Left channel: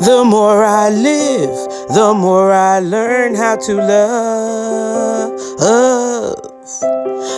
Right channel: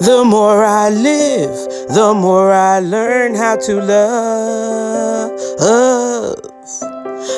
The more I live, the more I learn how to love.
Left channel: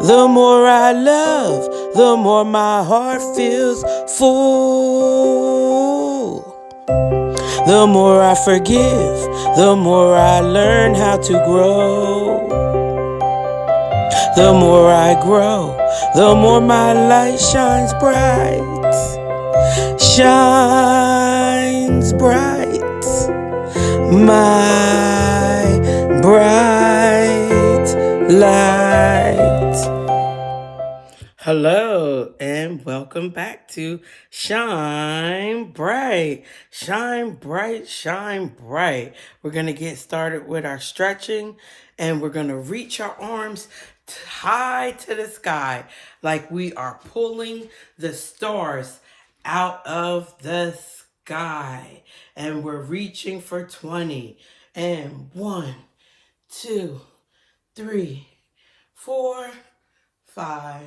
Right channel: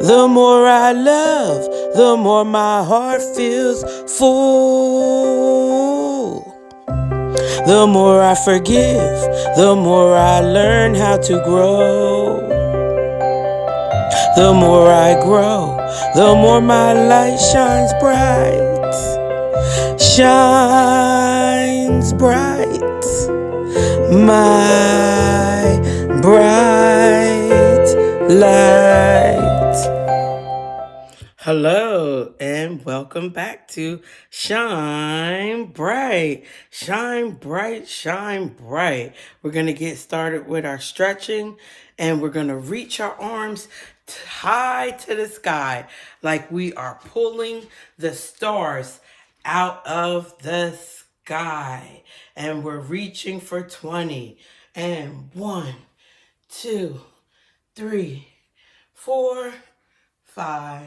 The more I love, the more my heart feels full. The more I forgive, the more I learn how to grow. The more I grow, the more my light shines bright. Shines bright. My bright light. Hello and welcome back to Shine Bright. Shine bright, shine bright. We're going to get started with our stretching and we're going to reach our arms high to the sky like we are pulling the stars out of the sky. And we're reaching for 20. And 1, 2, 3, 4, 5,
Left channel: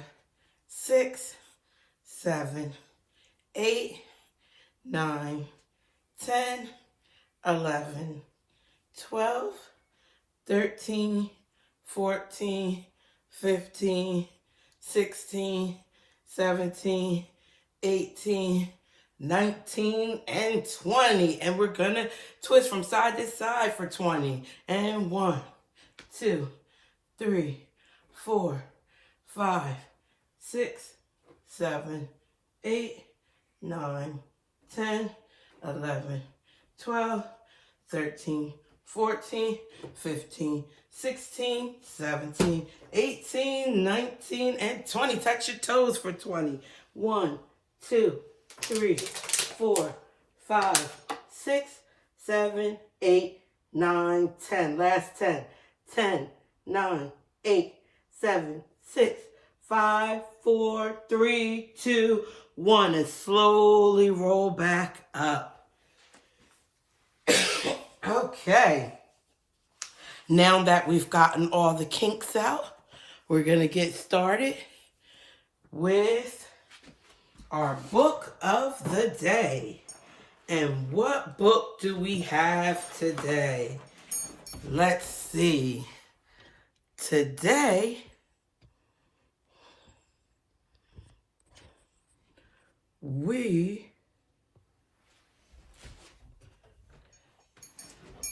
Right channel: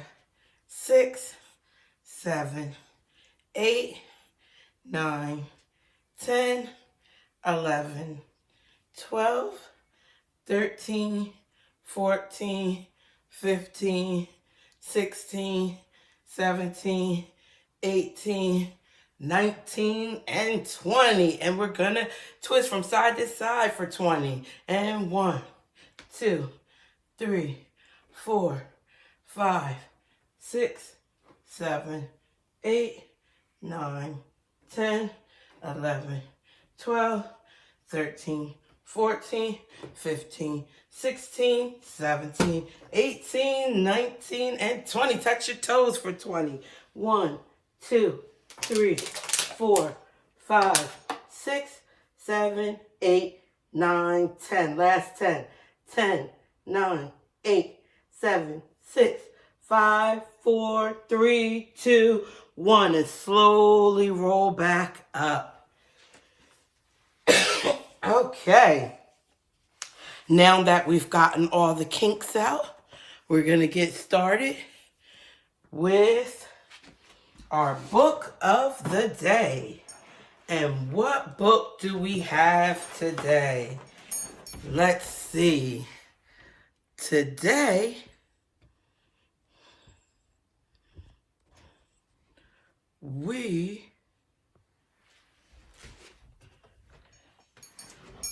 6, 7, 8, 9, 10, 11, 12, 13, 14, 15, 16, 17, 18, 19, and 20. And we're gonna twist from side to side for 20. And 1, 2, 3, 4, 5, 6, 7, 8, 9, 10, 11, 12, 13, 14, 15, 16, 17, 18, 19, and 20. Touch your toes for 20. 1, 2, 3, 4, 5, 6, 7, 8, 9, 10. Last 10. 10, 9, 8, 7, 6, 5, 4, 3, 2, 1. And slowly roll back up. Okay. Now that we've gotten all the kinks out, we're going to get started with our book of the day. And what book do we have today? Let's see. Today, we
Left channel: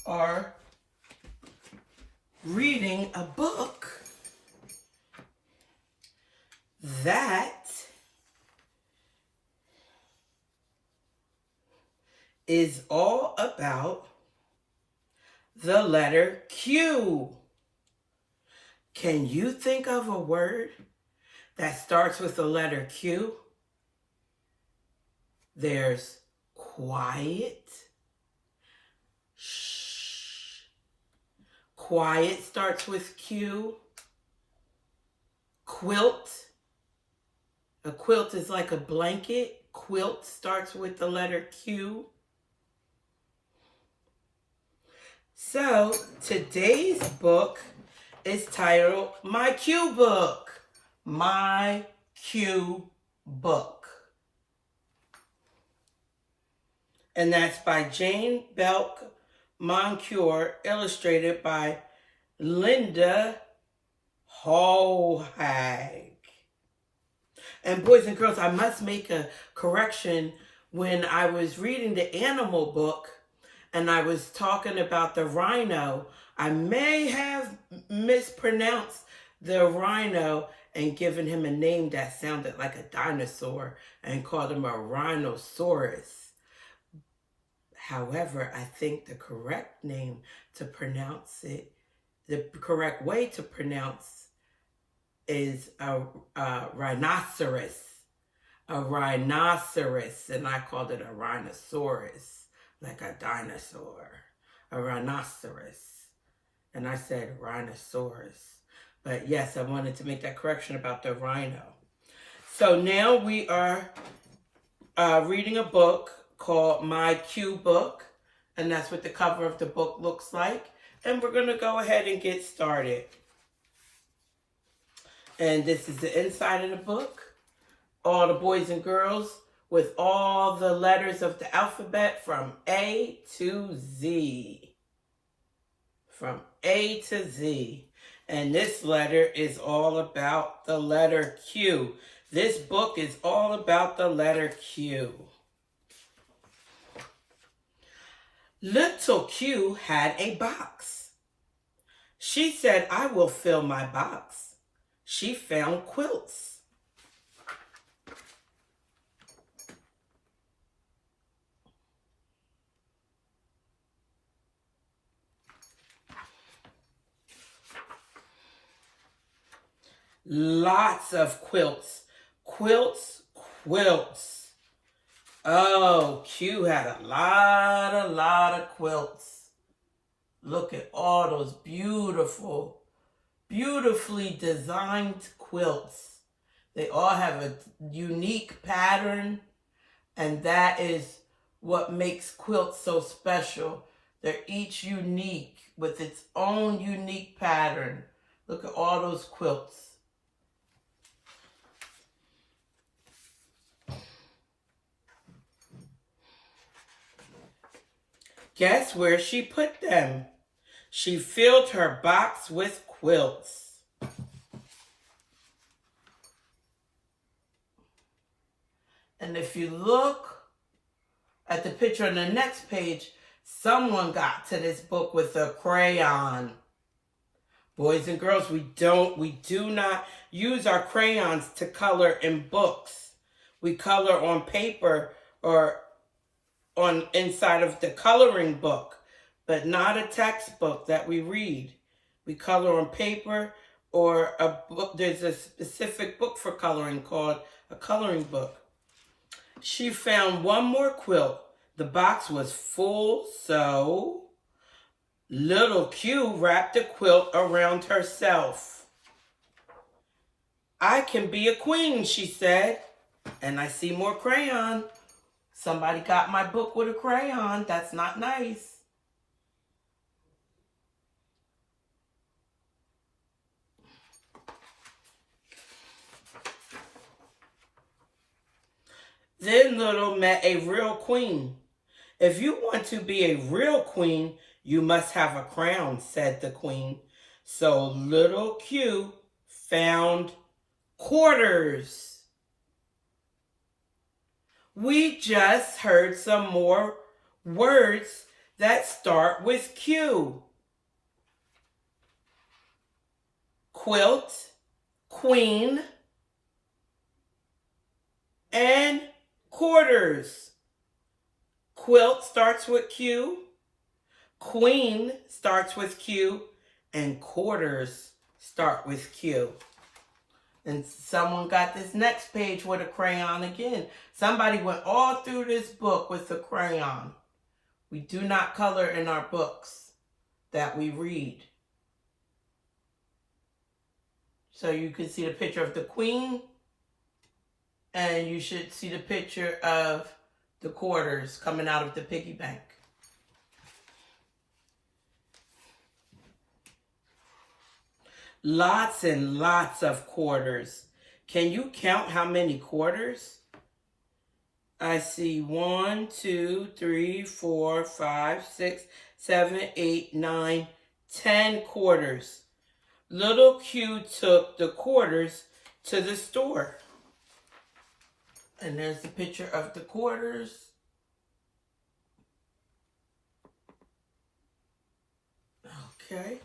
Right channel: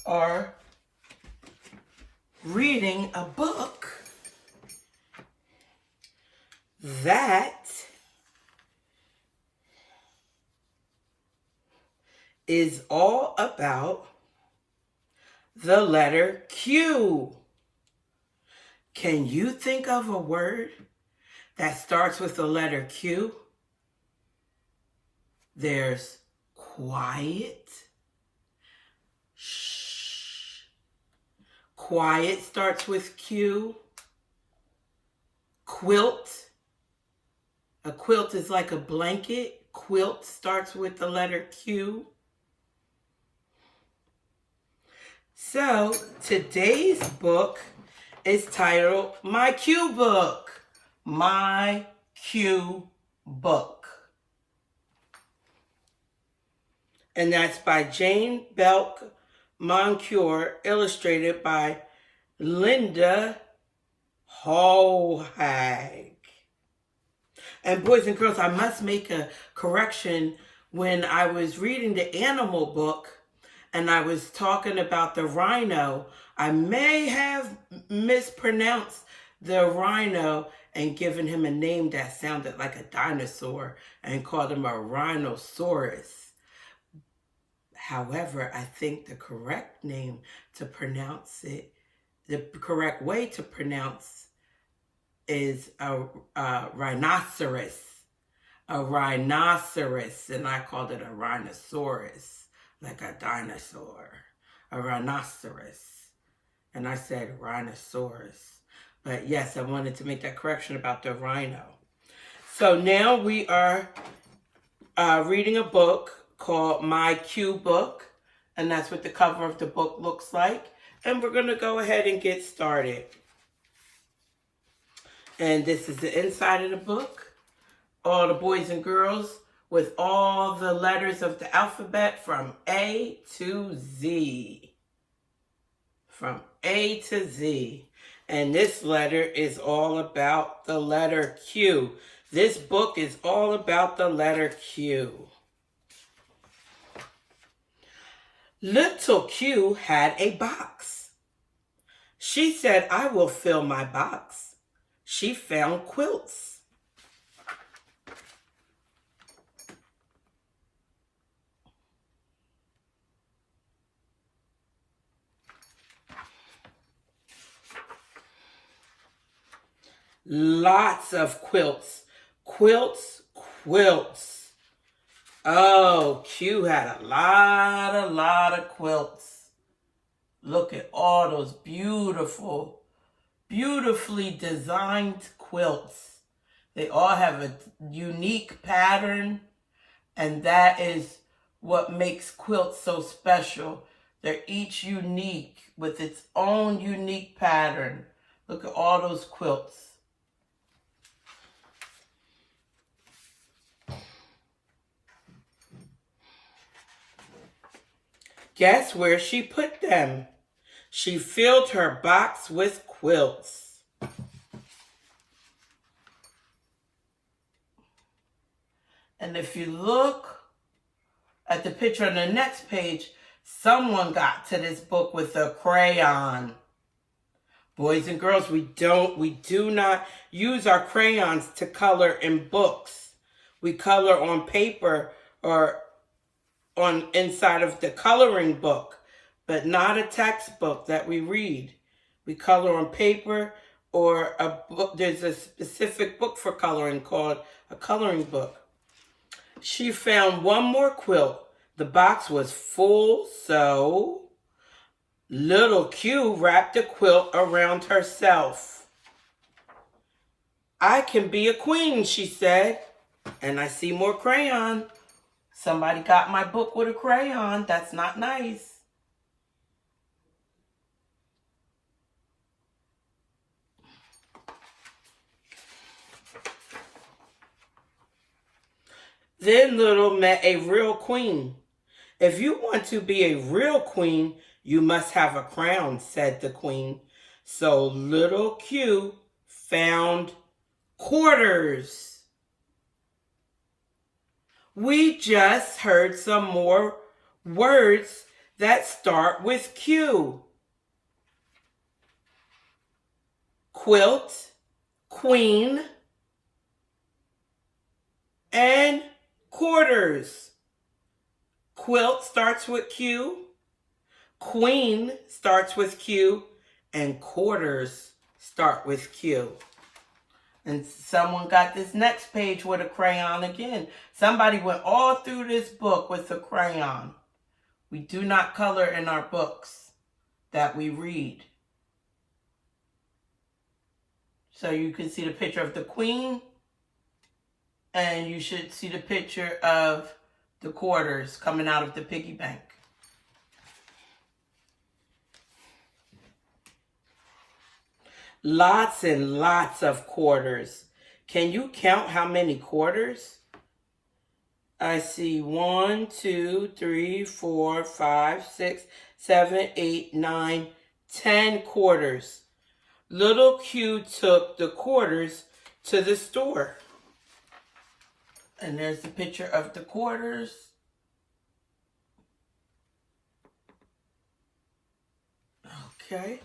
are reading a book that is all about the letter Q. Can you think of a word that starts with the letter Q? There's quiet. Shh. Quiet starts with Q. Quilt. A quilt is like a blanket. Quilt starts with the letter Q. So today's book is titled My Q Book. My Q Book. And that's by Jane Belk Moncure, illustrated by Linda Hohag. And boys and girls, I must make a correction. When I was reading the animal book and I was talking about the rhino, I may have mispronounced the rhino and given him a name that sounded like a dinosaur and called him a rhinoceros. However, I think the correct name to pronounce it, the correct way to pronounce is a rhinoceros. A rhinoceros, and I called it a rhinoceros, like a dinosaur. A rhinoceros. And I said rhinoceros. But yes, I wanted to make that correction about the rhino. So now we are reading a book called My Q Book, and that's what the cover of the book looks like. And we're going to go ahead and get started. And this is the inside of the book. All the boys and girls with all the letters of the alphabet from A to Z. From A to Z. And this letter is all about the letter Q. This book is all about the letter Q. Little Q had a box. She said, "I will fill my box." She found quilts. Lots of quilts. Quilts, quilts. Oh, Q had a lot of quilts. Look at all those beautifully designed quilts. They all have a unique pattern, and that is what makes quilts so special. They're each unique with its own unique pattern. Look at all those quilts. Guess where she put them? She filled her box with quilts. And if you look at the picture on the next page, someone got to this book with a crayon. Boys and girls, we do not use our crayons to color in books. We color on paper or on inside of the coloring book, but not a textbook that we read. We color on paper or a book. There's a specific book for coloring called a coloring book. She found one more quilt. The box was full, so little Q wrapped the quilt around herself. "I can be a queen," she said. And I see more crayon. Somebody got my book with a crayon. That's not nice. Then Little met a real queen. "If you want to be a real queen, you must have a crown," said the queen. So Little Q found quarters. We just heard some more words that start with Q. Quilt, queen, and quarters. Quilt starts with Q, queen starts with Q, and quarters start with Q. And someone got this next page with a crayon again. Somebody went all through this book with a crayon. We do not color in our books that we read. So you can see the picture of the queen, and you should see the picture of the quarters coming out of the piggy bank. Lots and lots of quarters. Can you count how many quarters? I see 1, 2, 3, 4, 5, 6, 7, 8, 9, 10 quarters. Little Q took the quarters to the store. And there's the picture of the quarters. Okay.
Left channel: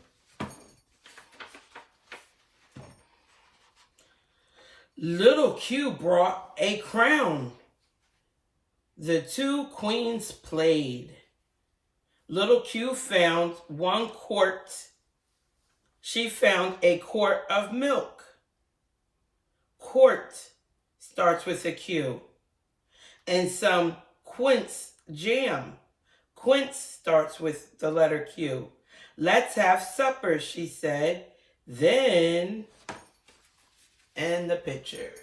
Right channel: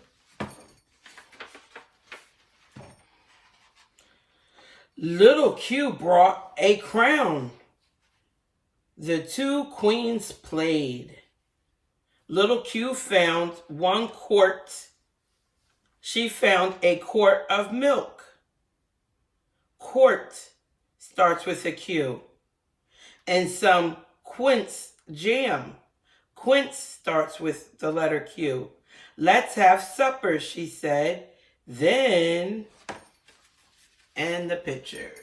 Little Q brought a crown. The two queens played. Little Q found one quart. She found a quart of milk. Quart starts with a Q. And some quince jam. Quince starts with the letter Q. "Let's have supper," she said. Then, and the pictures.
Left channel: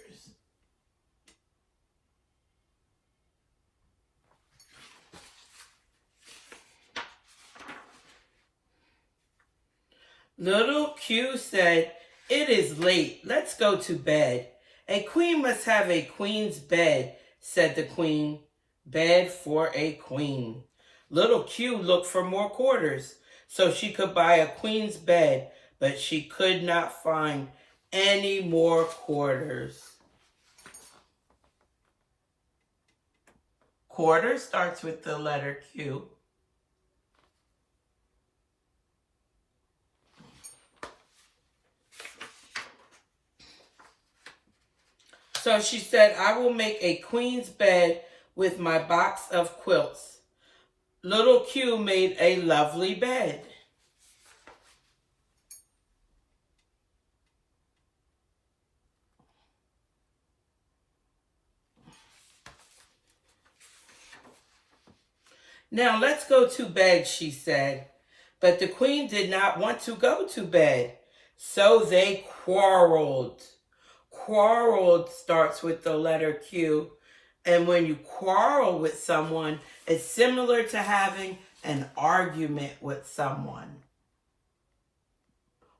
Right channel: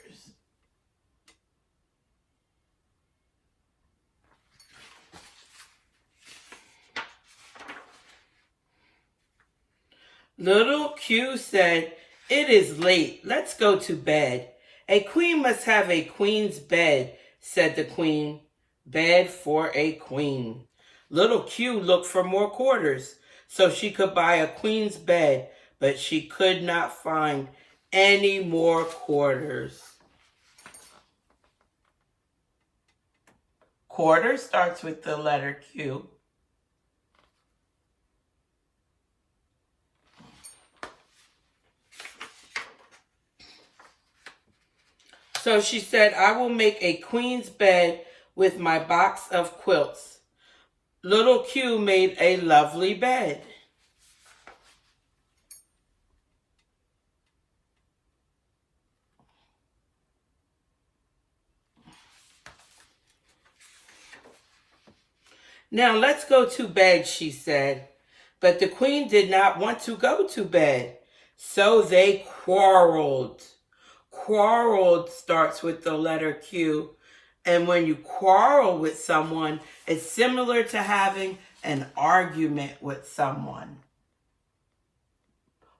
Little Q said, "It is late. Let's go to bed. A queen must have a queen's bed," said the queen. Bed for a queen. Little Q looked for more quarters so she could buy a queen's bed, but she could not find any more quarters. Quarter starts with the letter Q. So she said, I will make a queen's bed with my box of quilts. Little Q made a lovely bed. Now let's go to bed, she said. But the queen did not want to go to bed. So they quarreled. Quarreled starts with the letter Q. And when you quarrel with someone, it's similar to having an argument with someone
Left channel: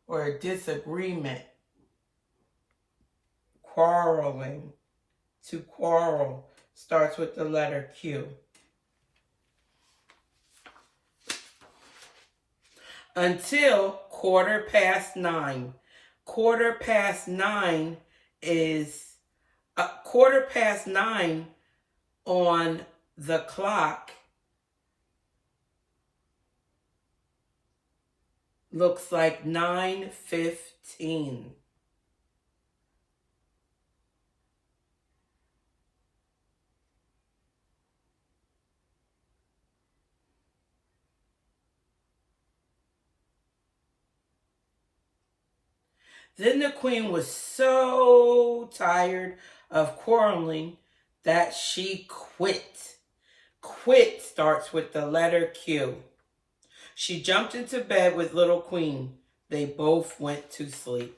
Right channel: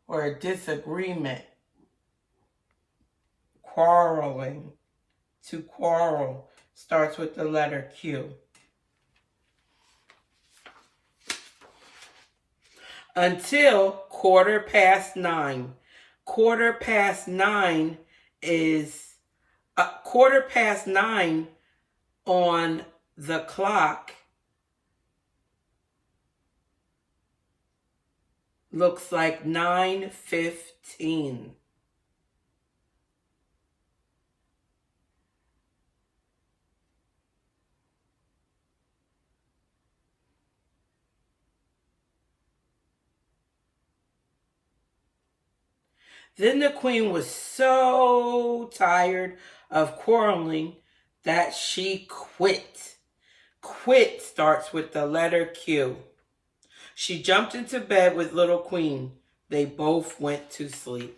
or a disagreement. Quarreling. To quarrel starts with the letter Q. Until 9:15. 9:15 is 9:15 on the clock looks like 9:15. Then the queen was so tired of quarreling that she quit. Quit starts with the letter Q. She jumped into bed with little queen. They both went to sleep.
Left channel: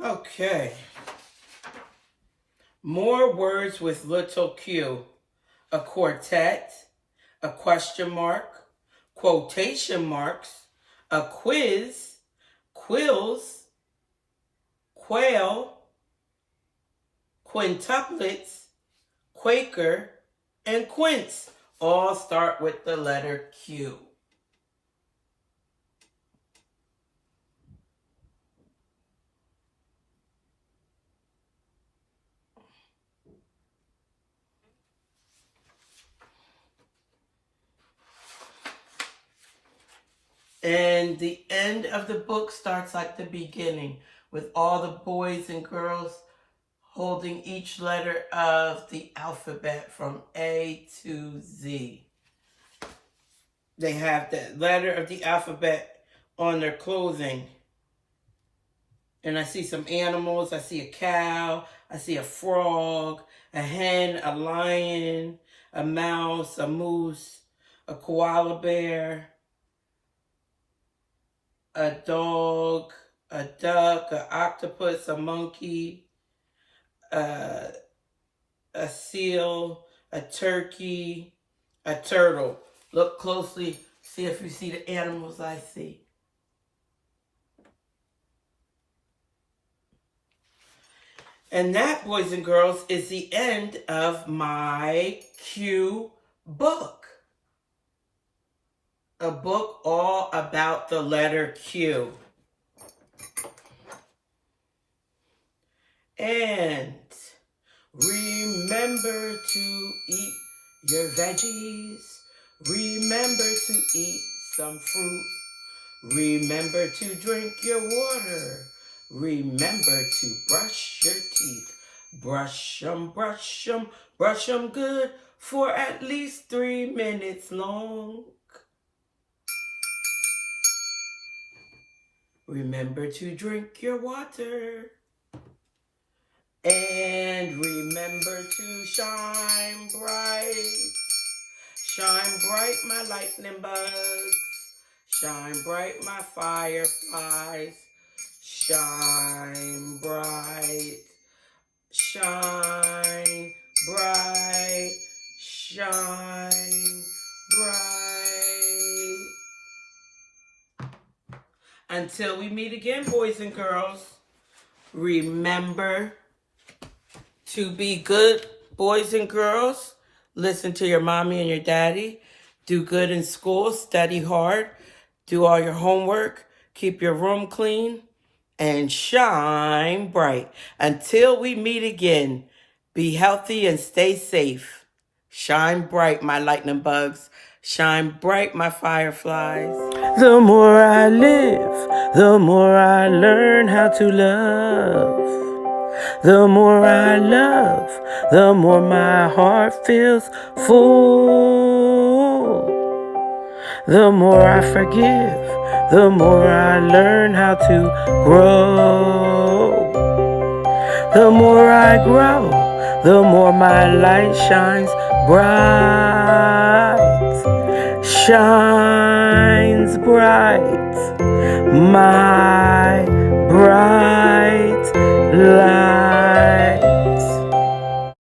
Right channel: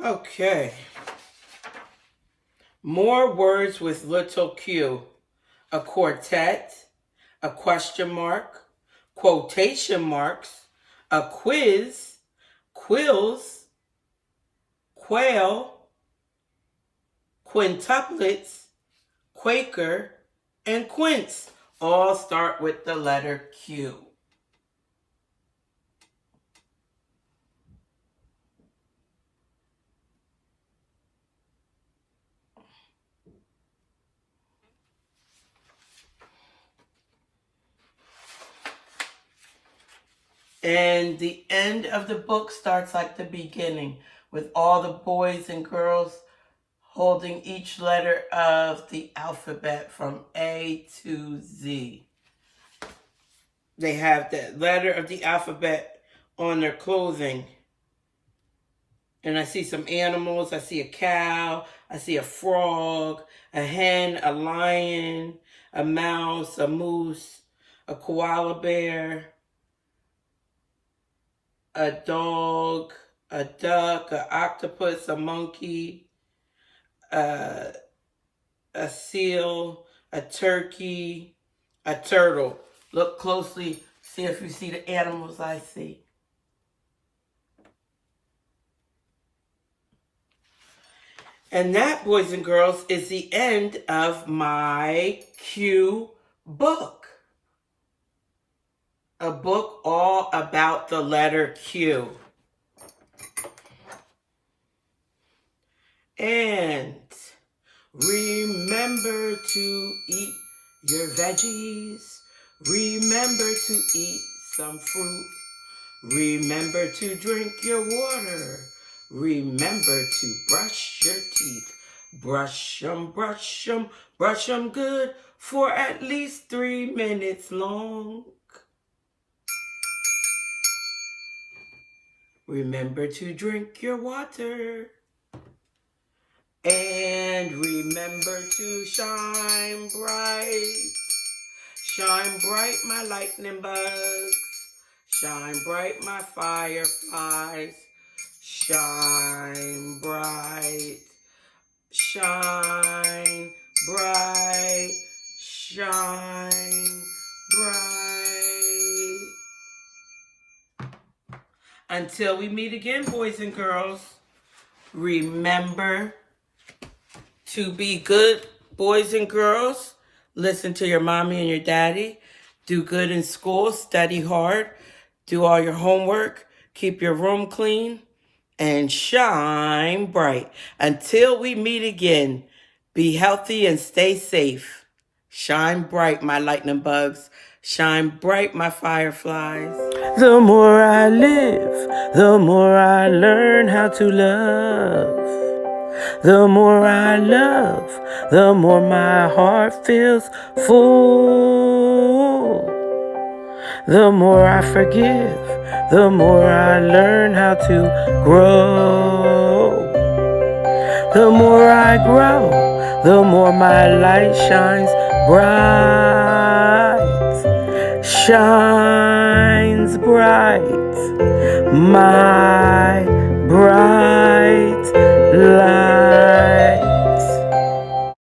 Okay. More words with little Q. A quartet, a question mark, quotation marks, a quiz, quills, quail, quintuplets, Quaker, and quince all start with the letter Q. And the end of the book starts like the beginning, with all the boys and girls holding each letter of the alphabet from A to Z. They have the letter of the alphabet on their clothing. And I see some animals. I see a cow. I see a frog, a hen, a lion, a mouse, a moose, a koala bear, a dog, a duck, an octopus, a monkey, a seal, a turkey, a turtle. Look closely, see if you see the animals I see. And that, boys and girls, is the end of my Q book. A book all about the letter Q. And remember to eat your veggies. Remember to eat some fruit. Remember to drink your water. Remember to brush your teeth. Brush them, brush them, brush them good for at least 3 minutes long. Remember to drink your water. And remember to shine bright. Shine bright, my lightning bugs. Shine bright, my fireflies. Shine bright. shine bright, shine bright. Until we meet again, boys and girls, remember to be good boys and girls. Listen to your mommy and your daddy. Do good in school. Study hard. Do all your homework. Keep your room clean. And shine bright. Until we meet again, be healthy and stay safe. Shine bright, my lightning bugs. Shine bright, my fireflies. The more I live, the more I learn how to love. The more I love, the more my heart feels full. The more I forgive, the more I learn how to grow. The more I grow, the more my light shines bright. Shines bright, my bright light.